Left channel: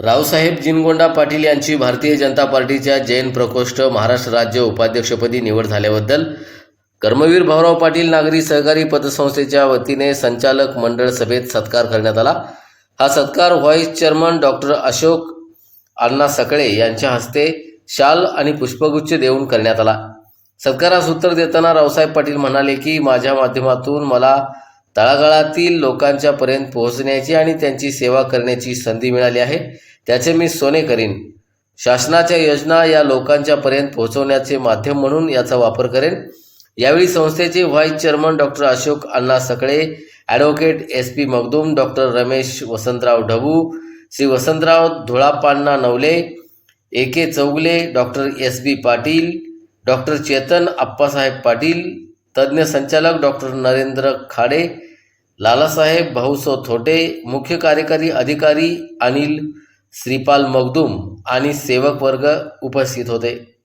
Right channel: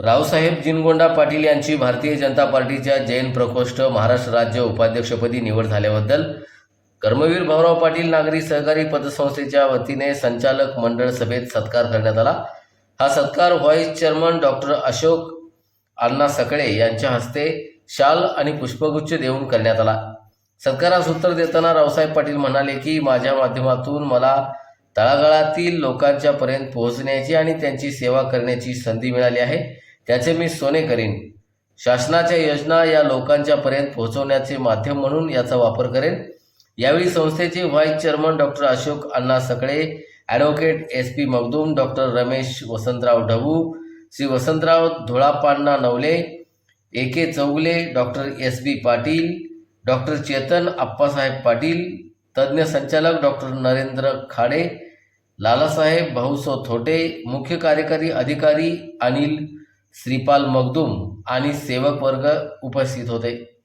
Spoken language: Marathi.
रावसाहेब जिनगोंडा पाटील यांची भारतीय जनता पार्टीच्या जैन प्रकोष्ठ महाराष्ट्र राज्य उपाध्यक्षपदी निवड झाल्याबद्दल कर्मवीर भाऊराव पाटील नागरी सहकारी पतसंस्थेच्या वतीने संचालक मंडळ सभेत सत्कार करण्यात आला. हा सत्कार vice chairman doctor Ashok Anna Sakale यांच्या हस्ते शाल आणि पुष्पगुच्छ देऊन करण्यात आला. सत्कारास उत्तर देताना रावसाहेब पाटील म्हणाले की माझ्या माध्यमातून मला तळागाळातील लोकांच्या पर्यंत पोहोचण्याची आणि त्यांची सेवा करण्याची संधी मिळाली आहे. त्याचे मी सोने करीन. शासनाच्या योजना या लोकांच्या पर्यंत पोहोचवण्याचे माध्यम म्हणून याचा वापर करेन. यावेळी संस्थेचे vice chairman doctor Ashok Anna Sakale advocate S P Magdum doctor Ramesh Vasantrao Dhabu Shri Vasantrao Dhulappanna Navale A K Chougule doctor S B Patil doctor Chetan Appasaheb Patil तज्ज्ञ संचालक डॉक्टर नरेंद्र खाडे लालासाहेब भाऊसो थोटे मुख्य कार्यकारी अधिकारी अनिल श्रीपाल मगदूम आणि सेवक वर्ग उपस्थित होते.